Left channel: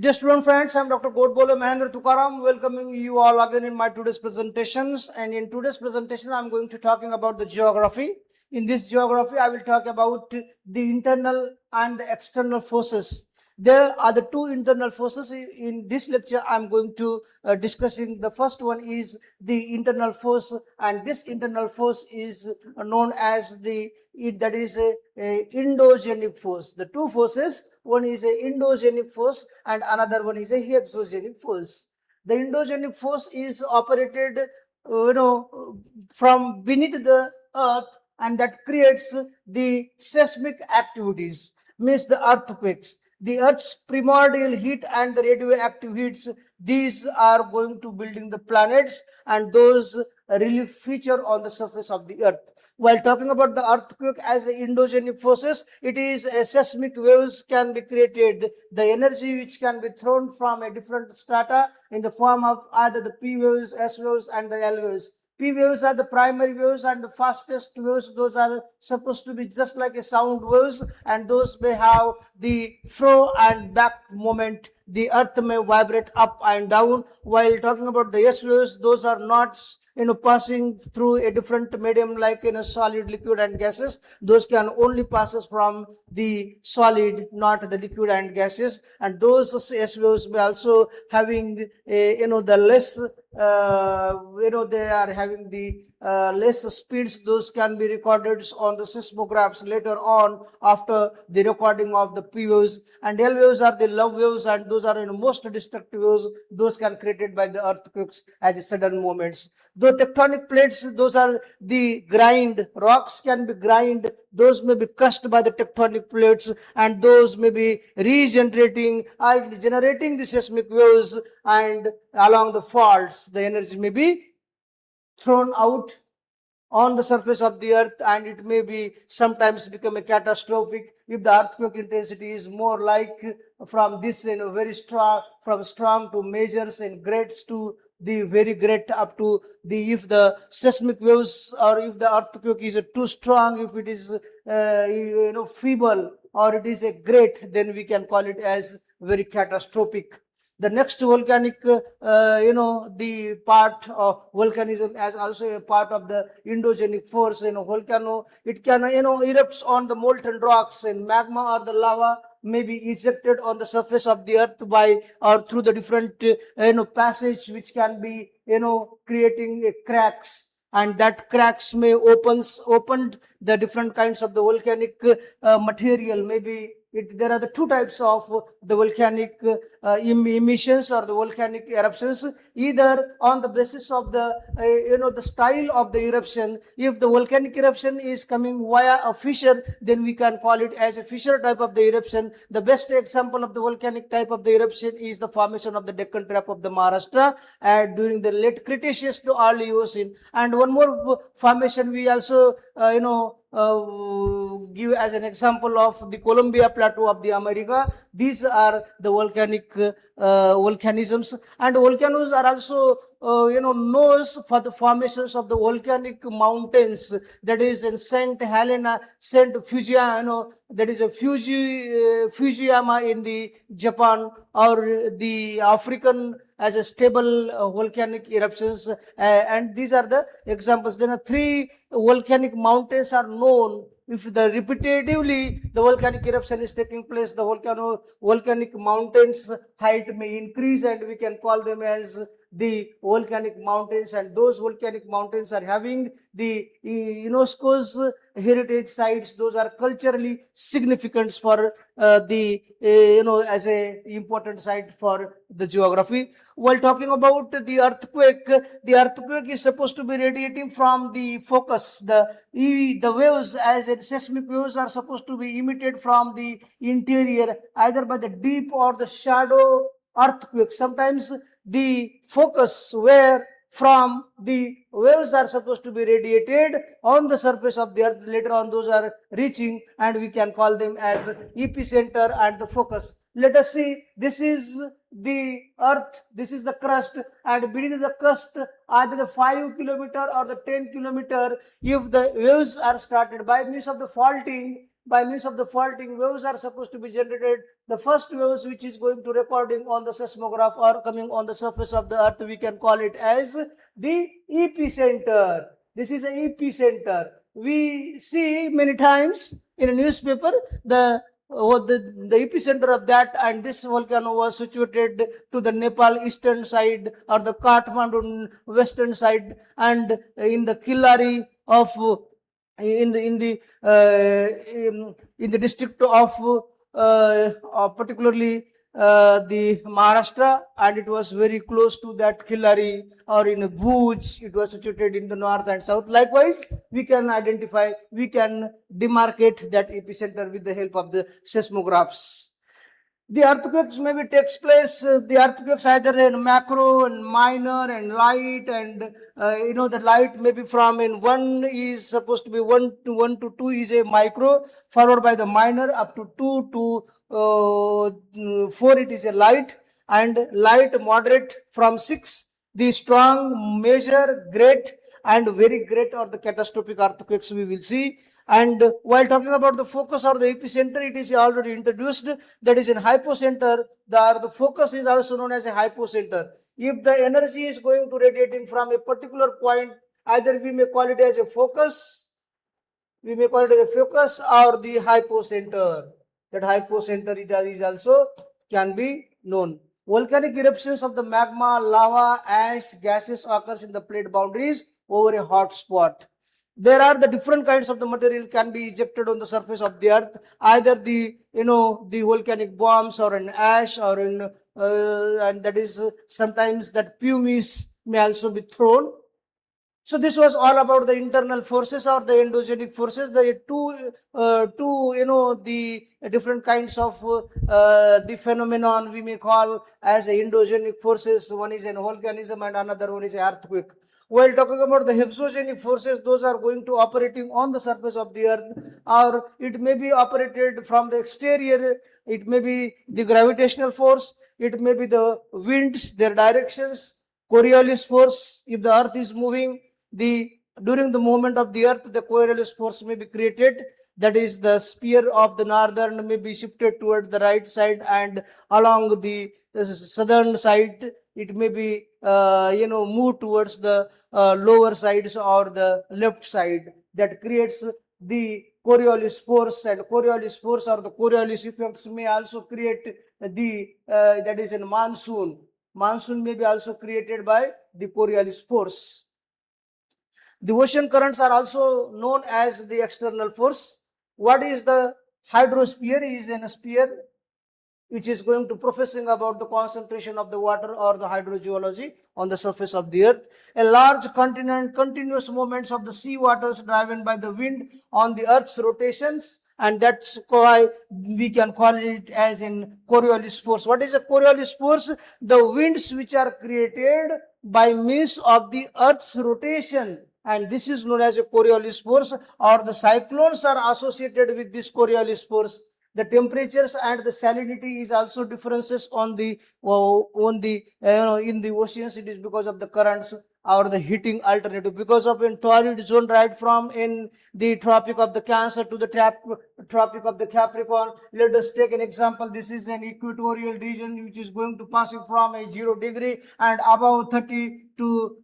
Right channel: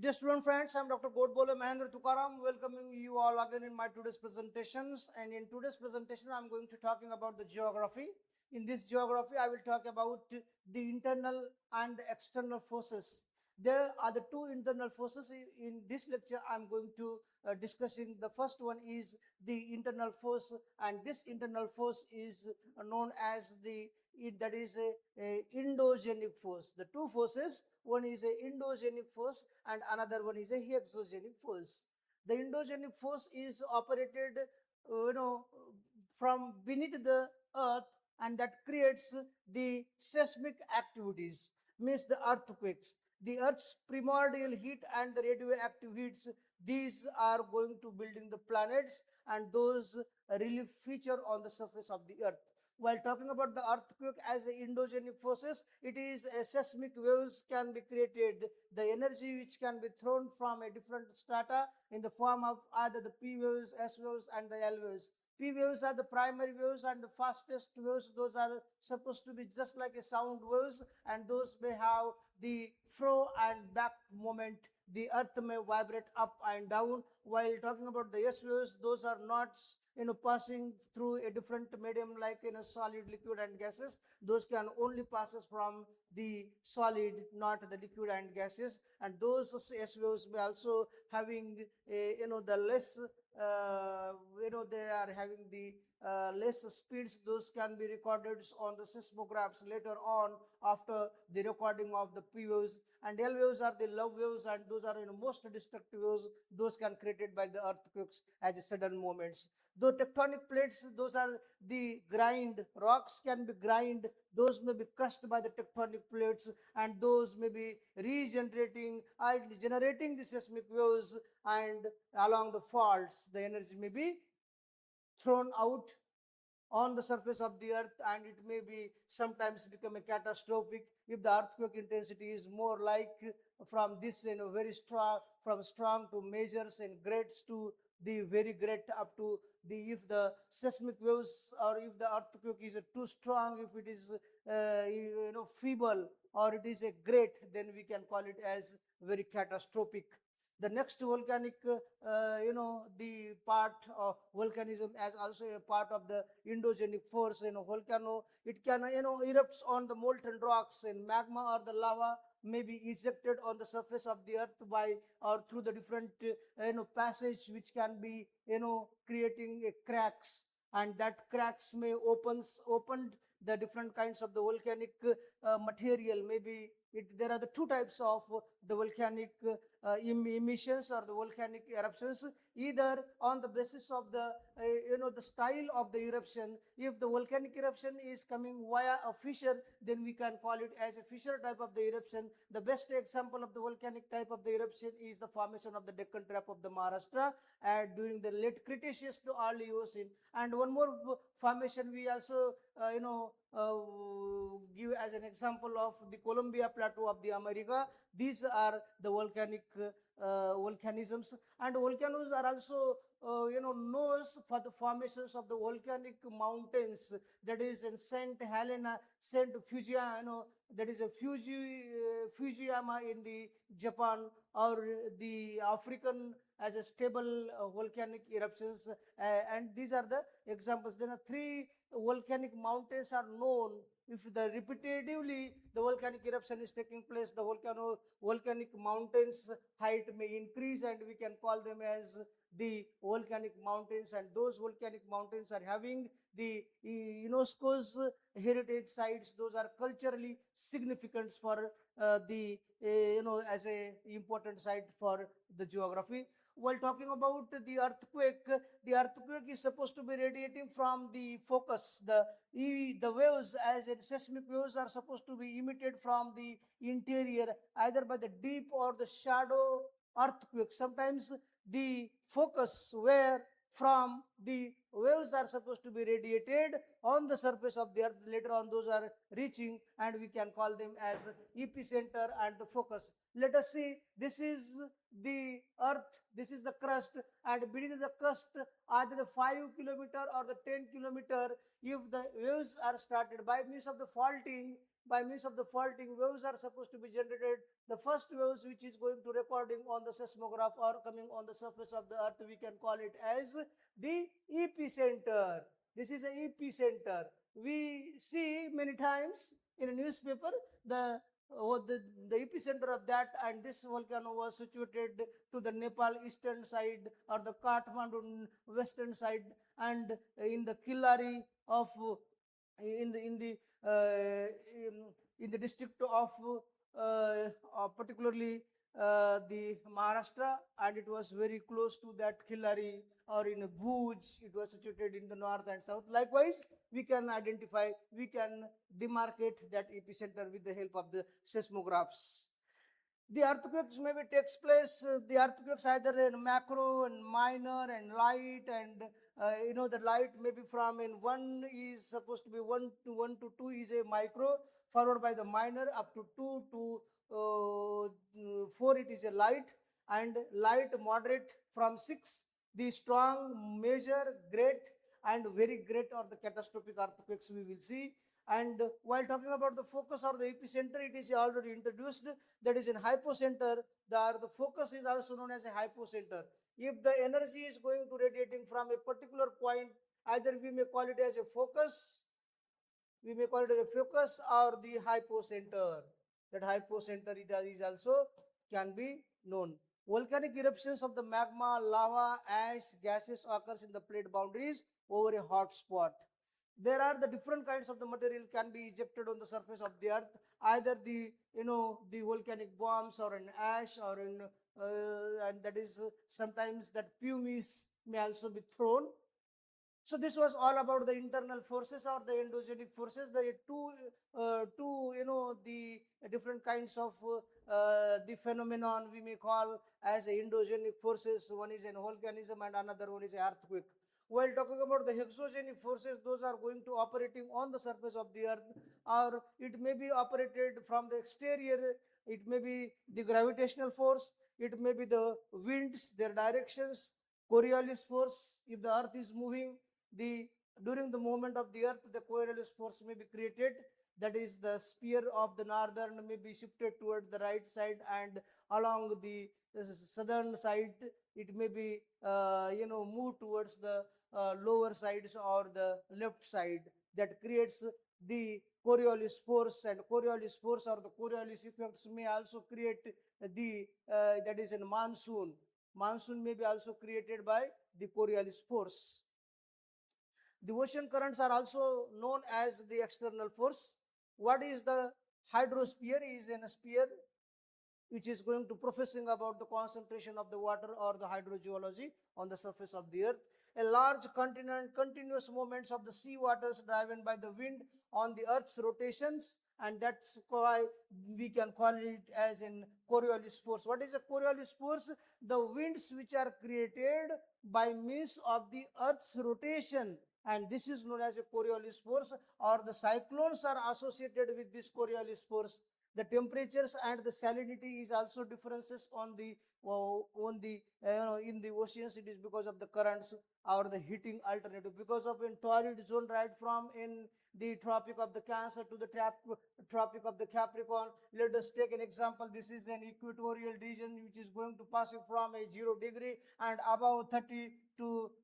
Dear student friends, I am Dr. Godbole Mahendra Tukaram, welcoming you all again in my today's presentations. And in today's presentation, I am going to talking about the geography. In this geography, I will talk about the internal and the external forces. There are the two internal forces. In this lecture, I am going to discussing the first one is the internal force, and this internal force is known as that is a endogenic force. The two forces, one is a endogenic force and another one is a exogenic force. The endogenic force is operated from beneath the earth, and that creates the seismic activities, means the earthquakes. The earth's primordial heat and the radioactive heats, these are going to building the planets, and those really feature on the surface of the earth. While talking about the earthquake as endogenic forces, it is a seismic waves can be created. The energy which can be thrown from a different strata in the form of either the P waves, S waves, and the L waves. P waves are the primary waves and the fastest waves. Those are supposed to be just like a sound waves, and those may have the fro and back moment. The earth may vibrate up and down. While talking about the S waves, those are not passing through a different medium like in a solid, liquid, and gases. Those can only passes from the solid, not the liquid and gases. And those S waves may also having the less they are having the less speeds. Those can be recorded on the seismographs later on after the recording of the P waves. And L waves are the love waves, and those are most destructive waves. Those can created by the earthquakes as sudden movements. Though tectonic plates, those are the grind. Rocks can be grind. Those may be crushed by the tectonic plates, and those may be regenerating and generating the seismic waves, and along the faults, the energy may be thrown out on the surface of the earth, and it may be sometimes become a catastrophic if the earthquake intensity is more like from this very strong, from strong to measures and greats to the very great up to the, if the seismic waves or if the earthquake is too strong, if it is feeble or it is a great, then we can call it as very catastrophic. The next volcanic, the part of volcanism as also a part of the endogenic force. Volcano, it can, erupts on the molten rocks, and magma or the lava may be ejected on the surface of the earth by or through the different, passage which can be, creating cracks, and that cracks may opened the different kinds of the volcanic material. Maybe there are the two types of the volcanic emissions or the volcanic eruptions, either on the basis of the the style of the eruption. If the volcanic eruption is coming via a fissure, then we can call it as a fissure type of the eruption. The best example of the volcanic type of the eruption is the formation of the Deccan Trap of the Maharashtra during the late Cretaceous to early Eocene. And one more formation we also give as an example of the Columbia Plateau of the America. These are the volcanic volcanisms, and volcanoes are also knows for the formations of the volcanic mountains, that is in Saint Helena, Saint Fujiano, that is a Fujiyama in the Japan, or the African as a stable volcanic eruptions, and these are the examples. Then three volcanic mountains are known. If the repetitively the volcanic eruption is taking place, the volcanic mountains height may increase, and we can call them as the volcanic mountains. And those volcanic mountains are having the UNESCO's heritage sites. Those are culturally significant for the as a important site for the geography. While talking about the earthquake is supposed to be radiating from the focus. The waves as a seismic waves are supposed to be emitted from the interior, either by the deep or the shadow earthquake. Sometimes the focus where from the waves are supposed to be radiated on the surface of the earth. Later on, those are reaching, and we can call them as epicenter and the focus. Let us see, this is the earth, this is the crust, and beneath the crust either the 5 kilometer or the 10 kilometer. If the waves are started by means of the faulting, by means of the faulting, waves are supposed to be generated. The first waves which is going to recording on the seismograph or coming on the surface of the earth, we can call it as the epicenter. This is an epicenter. We see many times in a newspaper the epicenter of that, and this volcano was situated to the Nepal eastern side or the Kathmandu western side, and in the Killari of in the district of particularly the Maharashtra, and it was very close to that Killari, or in Bhuj, it was situated in the north and south. Likewise, we can identify, we can demarcate that epicenter with the help of the seismographs. The earthquakes maybe takes place, the earthquakes either in macro and minor and light, and the light maybe from in 1 is supposed to be 1 to 2 is a micro, followed by the minor up to 2 to 4 it is a light, and light moderate from 6, the strong, major, great and very great or the catastrophic earthquakes we will see. And while talking about the focus or the epicenter, it is already introduced, that is in hypocenter. The focus is also known as a hypocenter. If the energy is going to radiating from a particular point, either we may call it as a focus, or the hypocenter. That hypocenter it is also can be known. Volcanic eruptions of the magma, lava, ash, gases occurs in the plate boundaries over a hot spot. There are the different kinds of the material can be ejected on the surface of the earth, either the the volcanic bombs or an ash, or and that is sometimes that pumice may also be thrown. So this was all about the internal forces or the endogenic forces, the the different kinds of the phenomenon we may call as endogenic forces. One is an volcanism and another one is an earthquake. While talking about the exogenic forces, those are going to operating on the surface of the earth, or it may be operated from the exterior. It may be the gravitational force, it may be the winds, their directions, Coriolis force. If the earth is moving, during the movement of the earth, the Coriolis force may be created. That is, the sphere of the northern may be shifted toward the right side, and along the southern side it may be move towards the lower sides or the left side. That creates the Coriolis force, and Coriolis force or the Coriolis effects may also create the that is in monsoon. Monsoon may be also created by the Coriolis force. The ocean currents are also known as the external force. What is the hydrosphere? Is in a sphere which is going to professing about the concentration of the water or the hydrogeology on the surface of the earth. A large continent, continuous movements of the sea waters driven by the wind on the earth's rotations, and that's why we can call it as in Coriolis force. What is a Coriolis force? The winds which are created by means of the earth's rotation, and this is known as a Coriolis force, or the cyclones are associated with this Coriolis force. The temperatures and the salinity is also differences on the in the oceans. It is because of the currents or the heating alternative, because of in torrid zone right from in the Tropic of the Cancer to the Tropic of the Capricorn. Let us take an example. This is an equatorial region which is going to passing from a 0 degree and above 30 to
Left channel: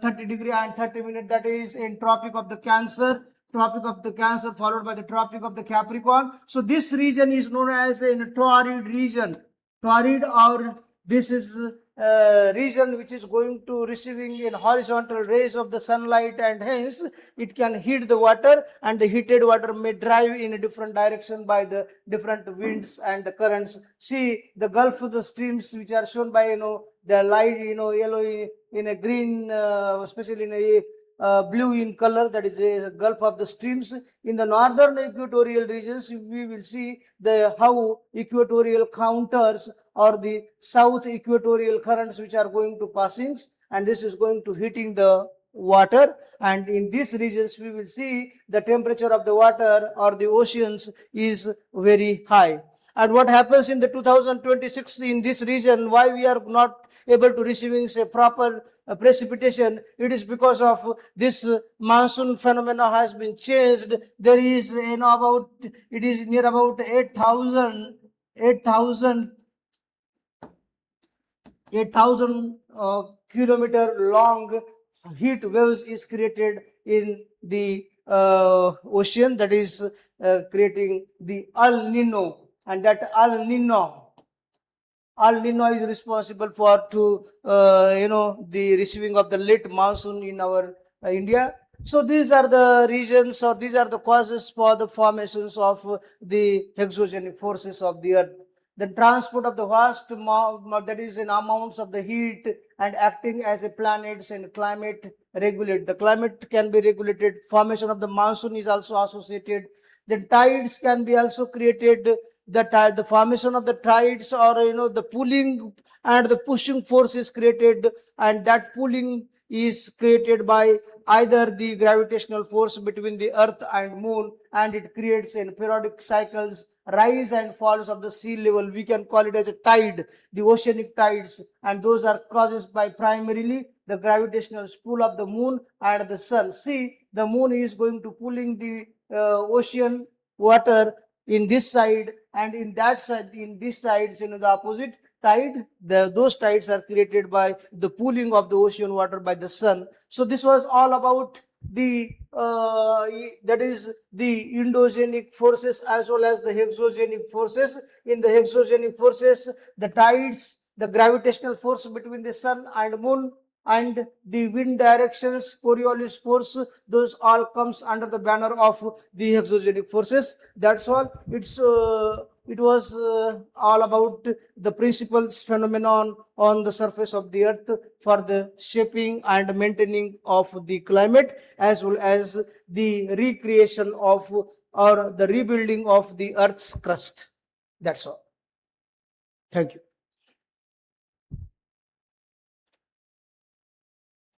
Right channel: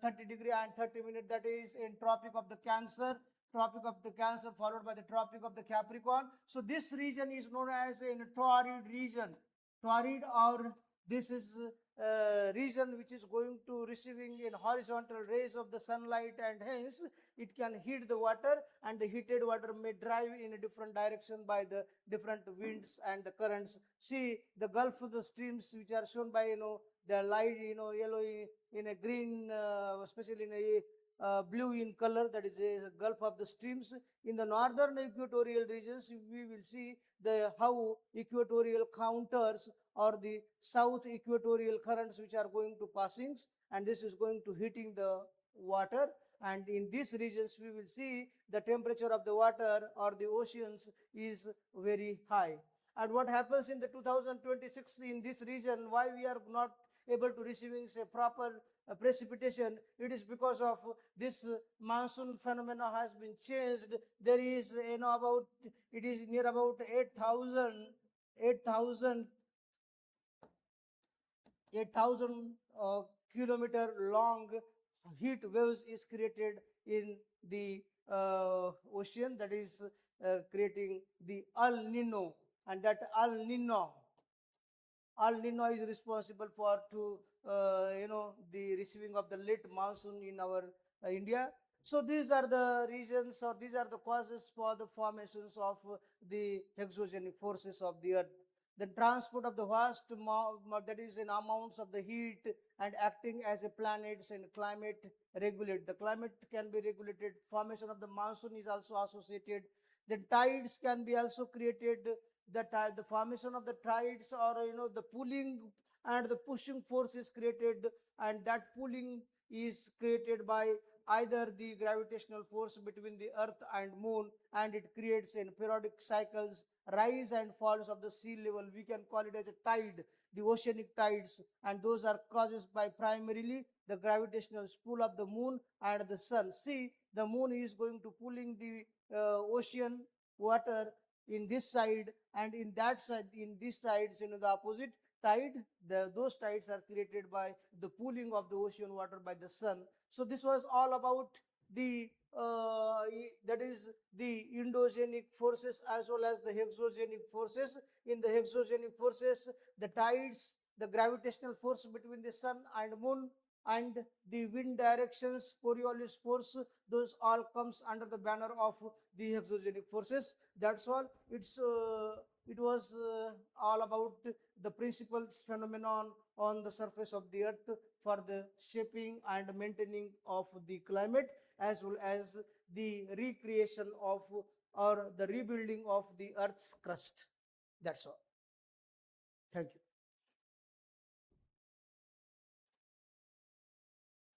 30 degree and 30 minutes. That is in Tropic of the Cancer. Tropic of the Cancer followed by the Tropic of the Capricorn. So this region is known as a torrid region. Torrid, or this is region which is going to receiving in horizontal rays of the sunlight, and hence it can heat the water, and the heated water may drive in a different direction by the different winds and the currents. See the Gulf of the streams which are shown by the light yellow in a green, especially in a blue in color, that is a Gulf of the streams. In the northern equatorial regions, we will see how equatorial counters or the south equatorial currents which are going to passings, and this is going to heating the water, and in these regions we will see the temperature of the water or the oceans is very high. And what happens in the 2026 in this region, why we are not able to receiving say proper precipitation? It is because of this monsoon phenomena has been changed. There is about, it is near about 8,000 kilometer long heat waves is created in the ocean, that is creating the El Nino. And that El Nino is responsible for the receiving of the late monsoon in our India. So these are the regions, or these are the causes for the formations of the exogenic forces of the earth. The transport of the vast that is in amounts of the heat and acting as a planets and climate regulate. The climate can be regulated. Formation of the monsoon is also associated. The tides can be also created. The formation of the tides, or the pulling and the pushing force is created, and that pulling is created by either the gravitational force between the earth and moon, and it creates in periodic cycles rise and falls of the sea level. We can call it as a tide, the oceanic tides, and those are caused by primarily the gravitational pull of the moon and the sun. See, the moon is going to pulling the ocean water in this side, and in that side, in this tides, the opposite tide, those tides are created by the pooling of the ocean water by the sun. So this was all about the that is the endogenic forces as well as the exogenic forces. In the exogenic forces, the tides, the gravitational force between the sun and moon, and the wind directions, Coriolis force, those all comes under the banner of the exogenic forces. That's all. It was all about the principles phenomenon on the surface of the earth for the shaping and maintaining of the climate, as well as the recreation of or the rebuilding of the earth's crust. That's all. Thank you.